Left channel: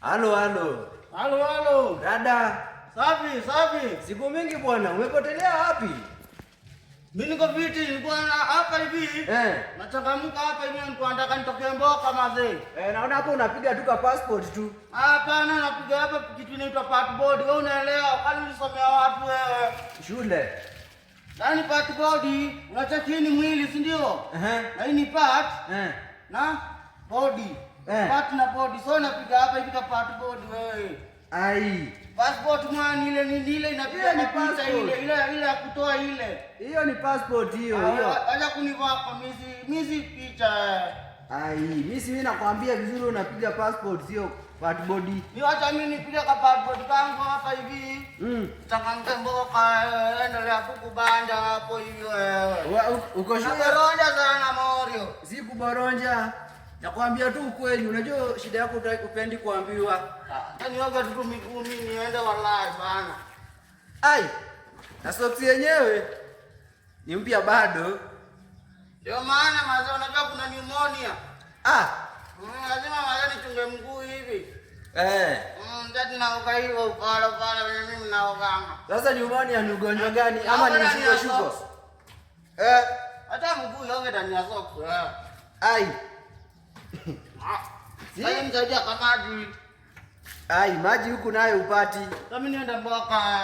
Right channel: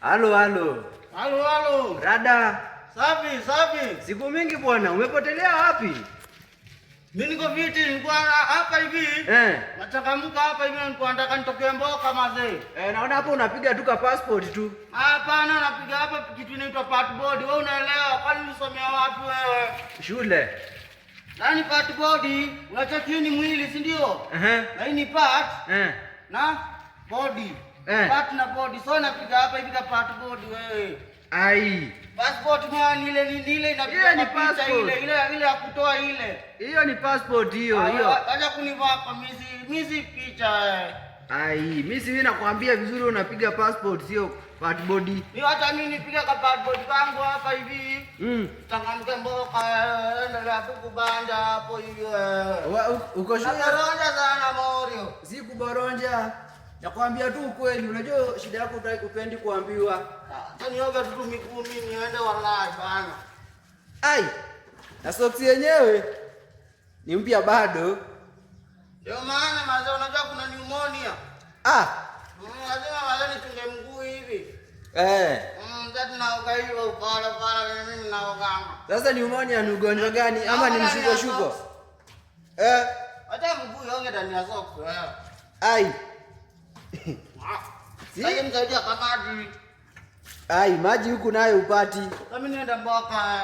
Halo halo. Halo halo. Dada. Safi safi. Siku mingi bwana, umepotelea wapi? Mimi niko viti, nilikuwa hapa hivi. Nachangamka hapa hivi, nilikuwa nataka nitoke Mboka mazee. Naona hapo unapiga tu ka passport tu. Hapana, napiga hapa kitu inaitwa passport. Wewe unaelewa? Kwani ulisomea wapi wewe? Shule. Nani passport? Unacheki ni mwili, si ndio? Na hii ni part. Na body. Part na body. So napiga hapa hivi ka passport wewe. Ai. Passport mwana ile inapiga ni picha ile ya kutoa ile. Hiyo ni passport hiyo. Acha kunivaa kwa misi picha. Ai, mimi nakwambia vizuri unapiga passport sio passport. Ni hata mimi nipiga kwa passport kangu hapa hivi. Tangamke Mboka endelea kukubanja hapo hiyo wewe. Uko shule? Naboronja sana Morio. Si kuboronja. Nakwambia tu ukweli, unajua shida yako upendi kuambiwa. Nioga tu miguu mimi niende wallahi bana. Ai. Na soksi yenyewe ni mpya bado. Ndio maana mazao unajua kuna pneumonia. Lazima mazao nichunge mguu hivi. Ndio naoga hivyo upala mimi naoganga. Sasa pneumonia ni ugonjwa gani ama ni mshuko? Hata mguu yonge ndani ya socks. Ai. Sasa msaidia kamaji. Ai, maji huku nayo upati. Mimi nienda Mboka.